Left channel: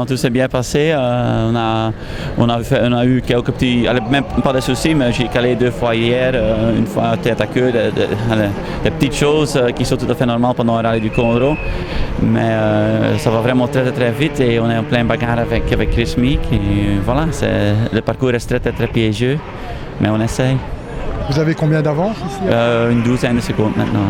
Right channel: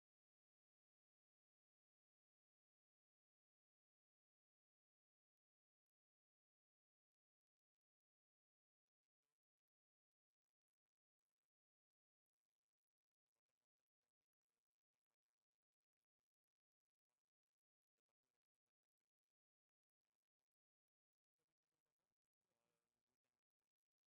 non, tout s'est bien passé. On a eu quelques petits, même pas de soucis, mais j'ai calé 2 fois hier, une fois tête à queue, des petites choses qui sont tout à fait normales pendant un rallye du Condro. Mais ça va vraiment très très vite et on est en plein bagarre avec Chris Meek. Et voilà, le parcours est très très piégeux, mais on essaye. Vous avez combien d'avance ici? Une douzaine de secondes maintenant.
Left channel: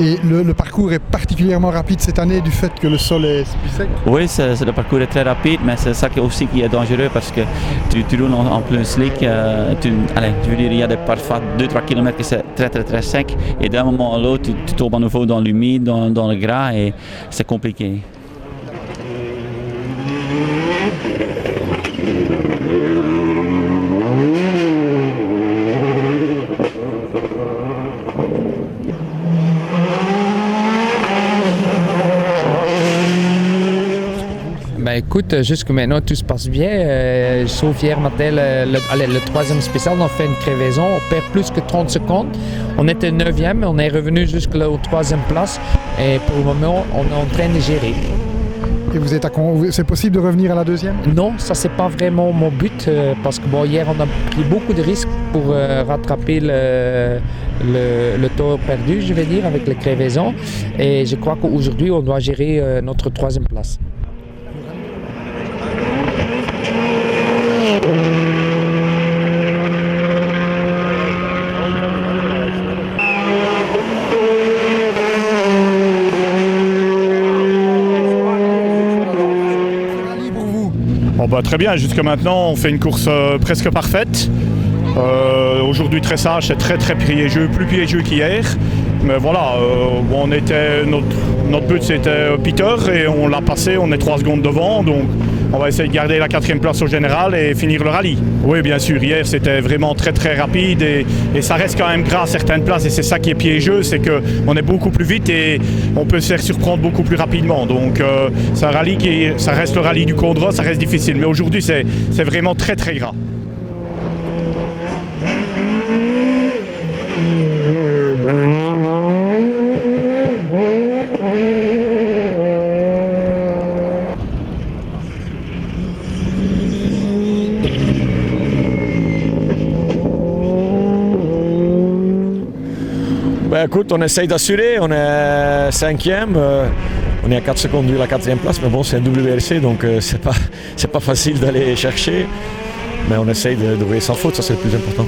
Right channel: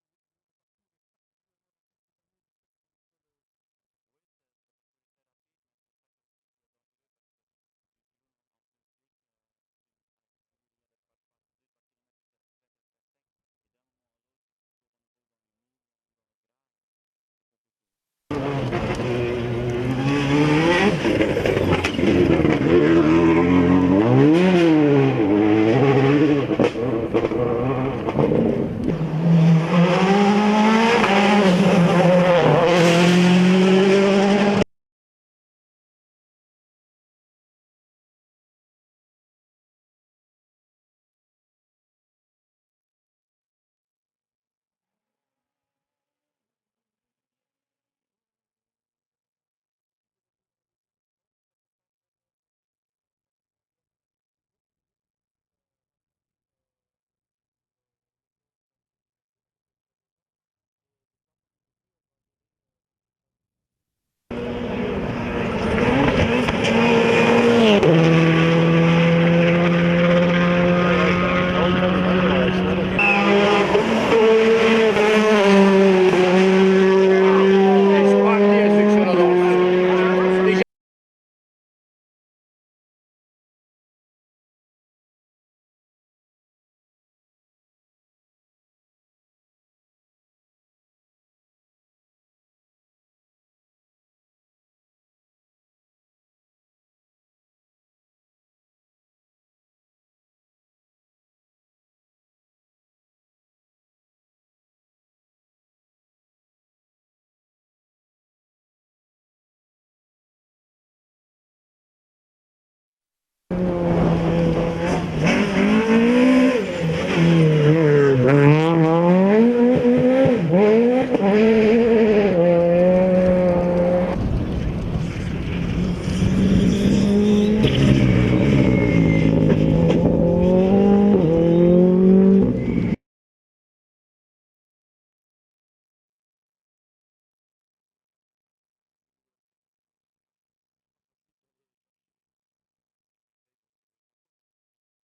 Et le parcours est particulièrement rapide cette année du fait que le sol est plus sec? Oui, le parcours est très rapide, mais c'est ça aussi qui est dangereux parce que tu roules en plein slick. Je veux dire, il y a parfois 2-3 km qui c'est très très très sec et d'un moment à l'autre, tu tombes à nouveau dans l'humide, dans le gras et c'est compliqué. Écoute, jusque maintenant tout se passe bien, sauf hier matin, le troisième spécial, on a fait une crevaison, on perd plus que 30 secondes. On était 9e, on est revenu jusqu'à la troisième place et pour le moment, on est en train de gérer. Et c'est possible de revenir à la deuxième? Non, ça c'est pas vraiment mon but parce que hier on a pris beaucoup de risques pour rattraper le temps perdu, je vais dire, avec les crevaisons. Et je crois qu'aujourd'hui, on doit gérer notre troisième place. Très bien, jusque maintenant on fait une course presque parfaite. Aujourd'hui très sage, c'est très très piégeux, plus piégeux qu'hier. Mais voilà, notre but c'était Peter et on l'a passé, on est 3 secondes devant. Donc on va essayer de garder la 4e place au général et finir le rallye. Oui bien sûr, hier c'était vraiment très très rapide et ça reste quand même gras à certaines places et c'est ça qui est piégeux, c'est qu'on est beaucoup plus vite et on peut se faire surprendre beaucoup plus rapidement. Donc c'est un rallye ça reste le rallye du Condro, ça reste difficile. Mais aujourd'hui c'est vraiment très très gras. Écoute, on essaye d'assurer, on est 5e, on est à 4 secondes de la 4e place, mais bon c'est un WRC donc c'est pas facile d'aller chercher, mais on essaye de rouler sans faute, ça c'est le plus important.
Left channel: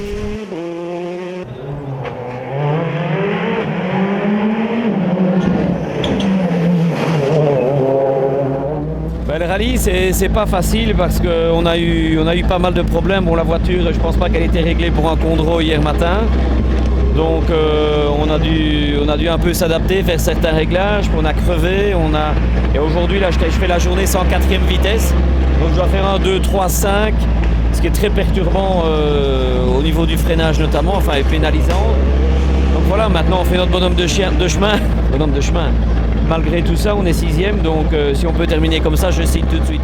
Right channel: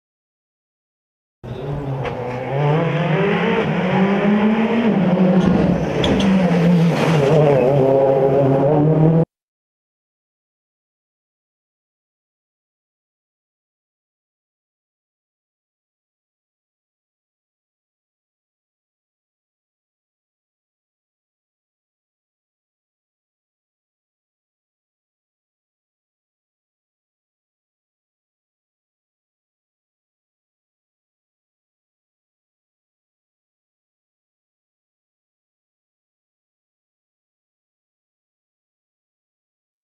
Le rallye c'est pas facile parce qu'on a eu pas mal de problèmes. Bon, la voiture, je pense pas qu'elle était réglée pour un Condro hier matin. Donc on a dû un peu s'adapter, faire certains réglages, on a crevé, et aujourd'hui là je fais la journée sans 4e vitesse, donc je dois faire un 2, 3, 5, ce qui est très perturbant au niveau du freinage notamment, enfin et pénalisant. Donc voilà, maintenant on fait notre bonhomme de chemin. Malgré tout ça, on est 6e, donc si on peut terminer comme ça, je signe tout de suite.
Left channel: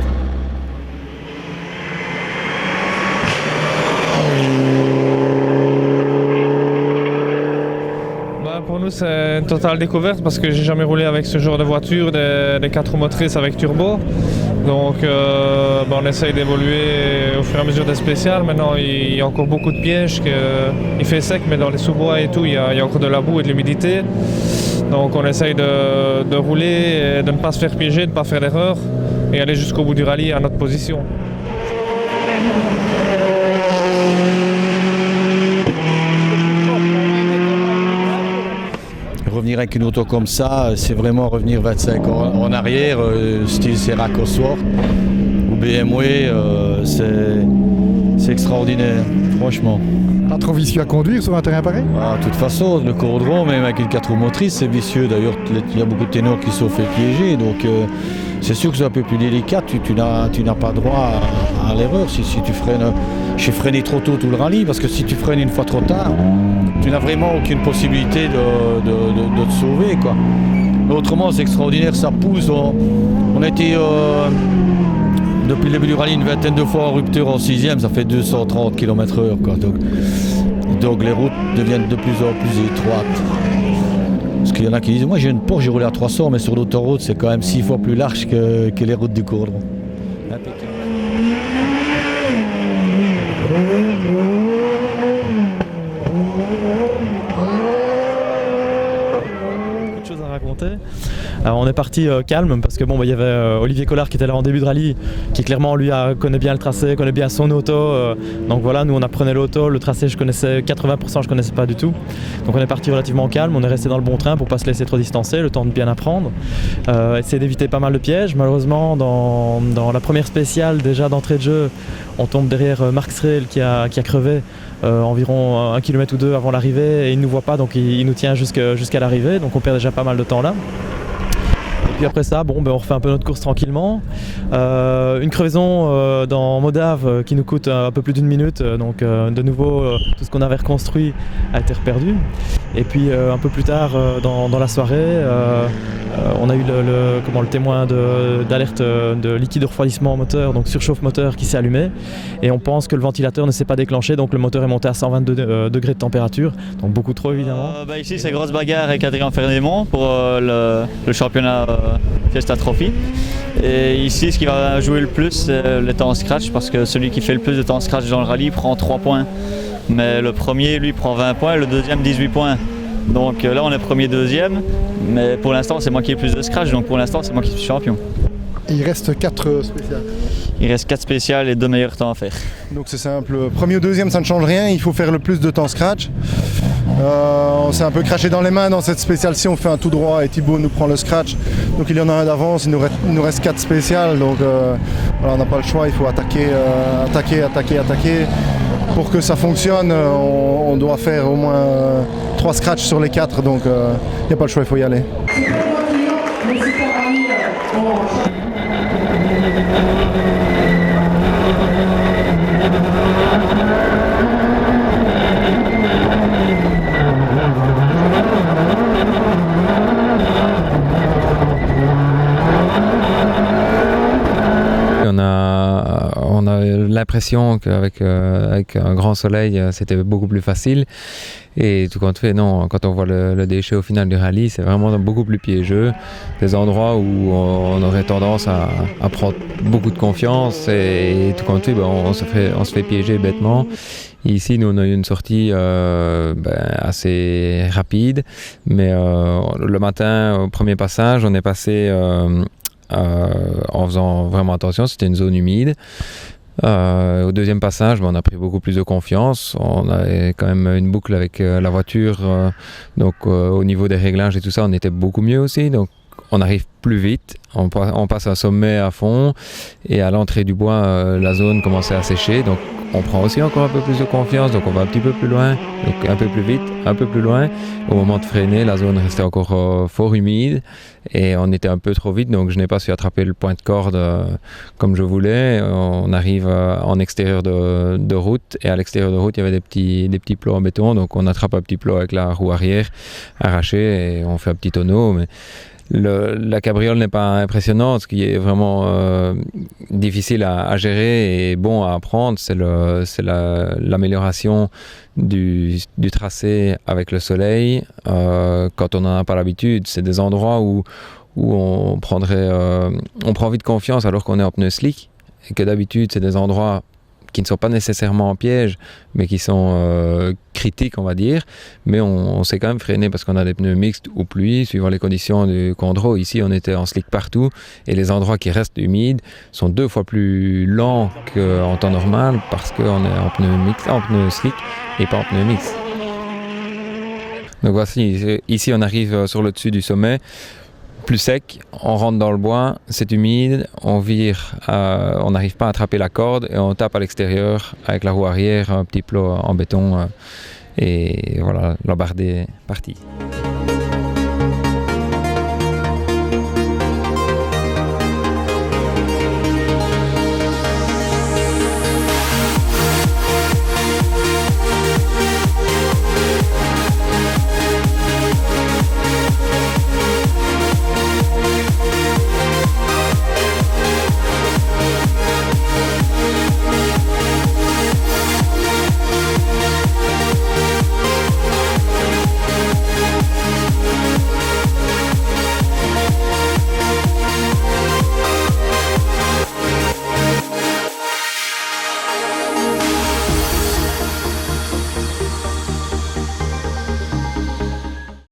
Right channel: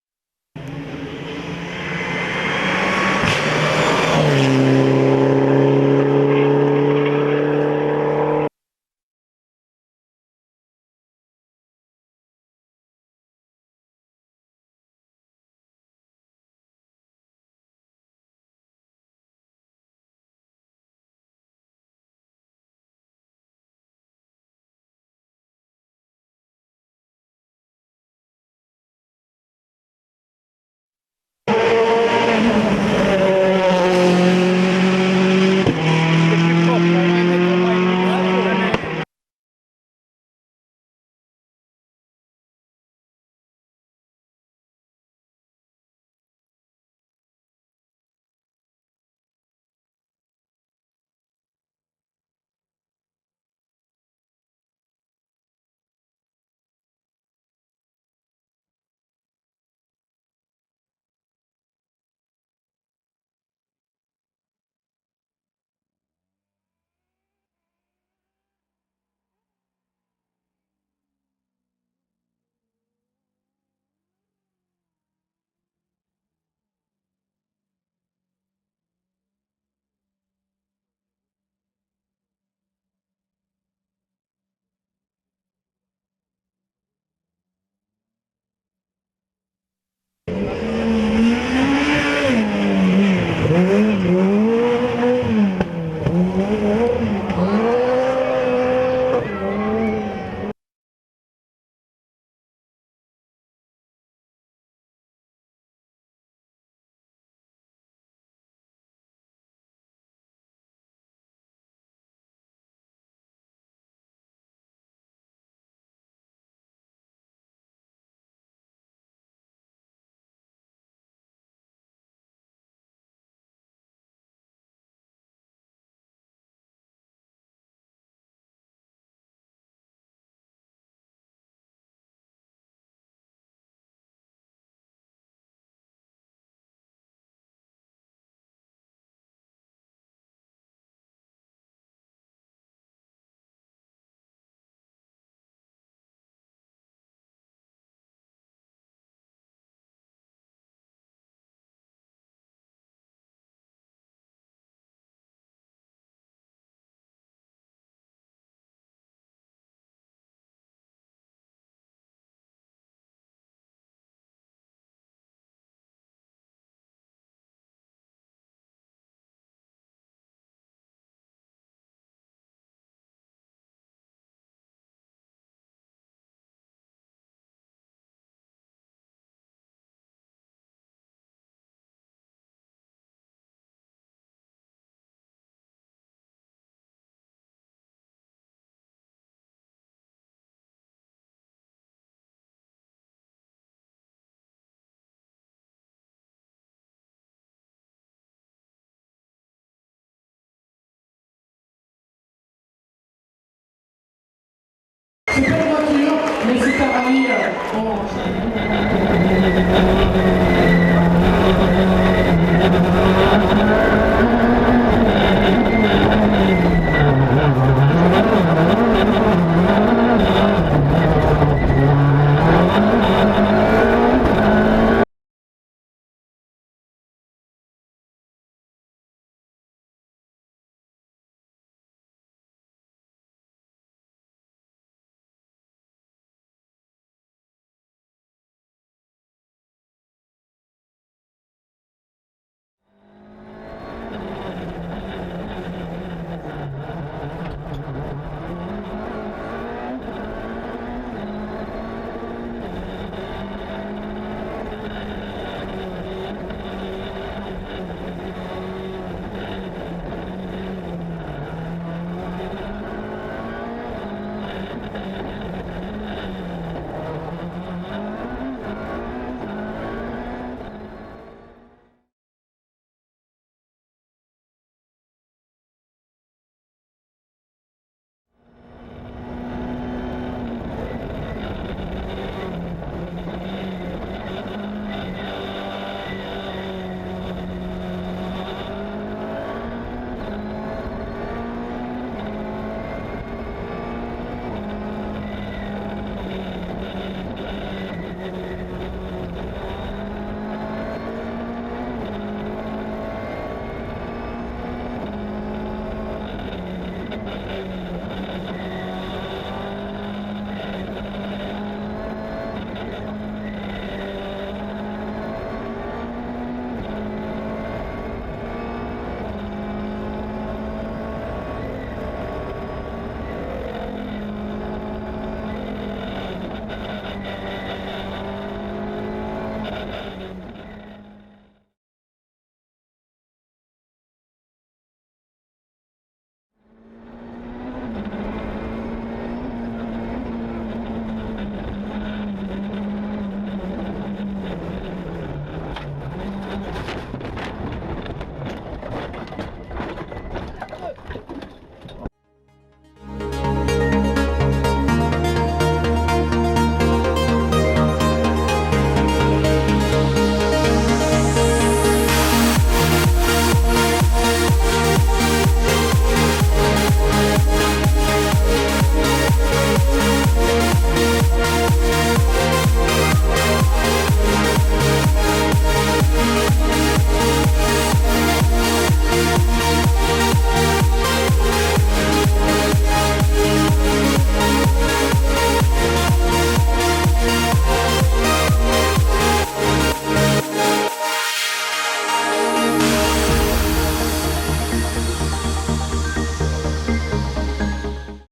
C'est une totale découverte parce que j'ai jamais roulé avec ce genre de voiture, des 4 roues motrices avec turbo. Donc on essaye d'évoluer au fur et à mesure des spéciales. Maintenant il y a encore beaucoup de pièges, il fait sec mais dans les sous-bois et tout il y a encore de la boue et de l'humidité. Donc on essaye de rouler, et de ne pas se faire piéger, de ne pas faire d'erreur et aller jusqu'au bout du rallye à notre position. Revenir avec une auto comme ça, c'est vraiment revenir 25 ans en arrière, style Sera Cosworth ou BMW, c'est extraordinaire, franchement. Pas trop vicieux à conduire sur un terrain pareil? De toute façon, le Condro, même avec une 4 roues motrices, c'est vicieux. D'ailleurs, il y a beaucoup de ténors qui se sont fait piéger, donc c'est sûr que c'est un peu plus délicat. Tu n'as pas droit à l'erreur si tu freines. J'ai freiné trop tôt tout le rallye, parce que si tu freines une fois trop tard, tu n'as vraiment aucune possibilité de te sauver, quoi. Mais autrement, c'est extraordinaire, ça pousse. On a été, depuis le début du rallye, une vingtaine de fois en rupture en 6e, ça fait 230 km/h, quoi. Donc les routes deviennent de plus en plus étroites. Parce qu'il y en a qui disent, moi j'ai une Porsche, j'ai roulé à 300, mais sur l'autoroute, c'est quand même 6 fois plus large que les routes du Condro. Alors on est parti calme parce que bon, il y avait Olivier Collard qui était là en début de rallye, qui clairement lui connaît bien le tracé, connaît bien son auto. Donc voilà, nous on apprenait l'auto, le tracé je connaissais 80%, je connaissais pas du tout. Donc on est parti relativement calme, on est resté dans le bon train pour pas se laisser trop distancer, le temps de bien apprendre. Essayer d'éviter pas mal de pièges. Malheureusement dans la première spéciale déjà d'entrée de jeu, on tombe derrière Marc Sreel qui a crevé. Environ 1 km ou 2 avant l'arrivée et il ne nous voit pas, donc il nous tient jusqu'à l'arrivée, donc on perd déjà pas mal de temps là. Et puis après ça, on refait un peu notre course tranquillement. Une crevaison dans Modave qui nous coûte un peu plus d'1 minute, donc de nouveau tout ce qu'on avait reconstruit a été reperdu. Et puis un peu plus tard dans la soirée, on a eu le témoin d'alerte de liquide de refroidissement moteur, donc surchauffe moteur qui s'est allumé. Et on pense que le ventilateur ne s'est pas déclenché, donc le moteur est monté à 122 degrés de température, donc beaucoup trop évidemment. Ici c'est grosse bagarre avec Adrien Fernémont pour le championnat Fiesta Trophy. Et ici ce qui va jouer le plus c'est le temps scratch, parce que celui qui fait le plus de temps scratch dans le rallye prend 3 points. Mais le premier lui prend 20 points, le deuxième 18 points. Donc là on est premier, deuxième, mais pour l'instant c'est moi qui ai le plus de scratch, donc pour l'instant c'est moi qui suis champion. Et il reste 4 spéciales. Il reste 4 spéciales et 2 meilleurs temps à faire. Donc c'est simple, premier ou deuxième ça ne change rien, il faut faire le plus de temps scratch. On s'est un peu craché dans les mains dans cette spéciale-ci, on fait un tout droit et Thibaut nous prend le scratch. Donc il y en a un d'avance, il nous reste 4 spéciales, donc voilà, on n'a pas le choix, il faut attaquer. Pour que ça fonctionne, on doit faire au moins 3 scratchs sur les 4, donc il n'y a pas le choix, il faut y aller. On a l'impression qu'avec un grand soleil, c'était beaucoup plus facile. Et tout compte fait, non, quand on voit le déchet au final du rallye, c'est vraiment beaucoup plus piégeux. Des endroits où on aurait tendance à prendre beaucoup de confiance et tout compte fait, on se fait piéger bêtement. Et ici, nous, on a eu une sortie assez rapide, mais le matin, au premier passage, on est passé en faisant vraiment attention, c'était une zone humide. Au deuxième passage, on a pris beaucoup plus de confiance. On avait quand même une boucle avec la voiture, donc au niveau des réglages et tout ça, on était beaucoup mieux aussi. Donc on arrive plus vite, on passe un sommet à fond et à l'entrée du bois, la zone commençait à sécher. Donc on prend aussi encore un peu plus de confiance, donc on va un petit peu plus loin, donc un peu plus vite, un peu plus loin. Au moment de freiner, la zone restait encore fort humide et on était un peu trop vite, donc je n'ai pas su attraper le point de corde comme je voulais. On arrive en extérieur de route et à l'extérieur de route, il y avait des petits plots en béton, donc on attrape un petit plot avec la roue arrière arrachée et on fait un petit tonneau. Mais la cabriole n'est pas impressionnante, ce qui est vraiment difficile à gérer et bon à apprendre, c'est l'amélioration du tracé avec le soleil. Quand on n'en a pas l'habitude, c'est des endroits où on prend vite confiance alors qu'on est en pneu slick, et que d'habitude c'est des endroits qui ne sont pas nécessairement en piège, mais qui sont critiques, on va dire. Mais on s'est quand même freiné parce qu'on a des pneus mixtes ou pluie, suivant les conditions du Condro. Ici, on était en slick partout et les endroits qui restent humides sont 2 fois plus lents qu'en temps normal parce qu'on est en pneu slick et pas en pneu mixte. Donc voici, ici on arrive sur le dessus du sommet, plus sec. On rentre dans le bois, c'est humide, on vire, on n'arrive pas à attraper la corde et on tape à l'extérieur avec la roue arrière, un petit plot en béton et voilà, l'embardé est parti.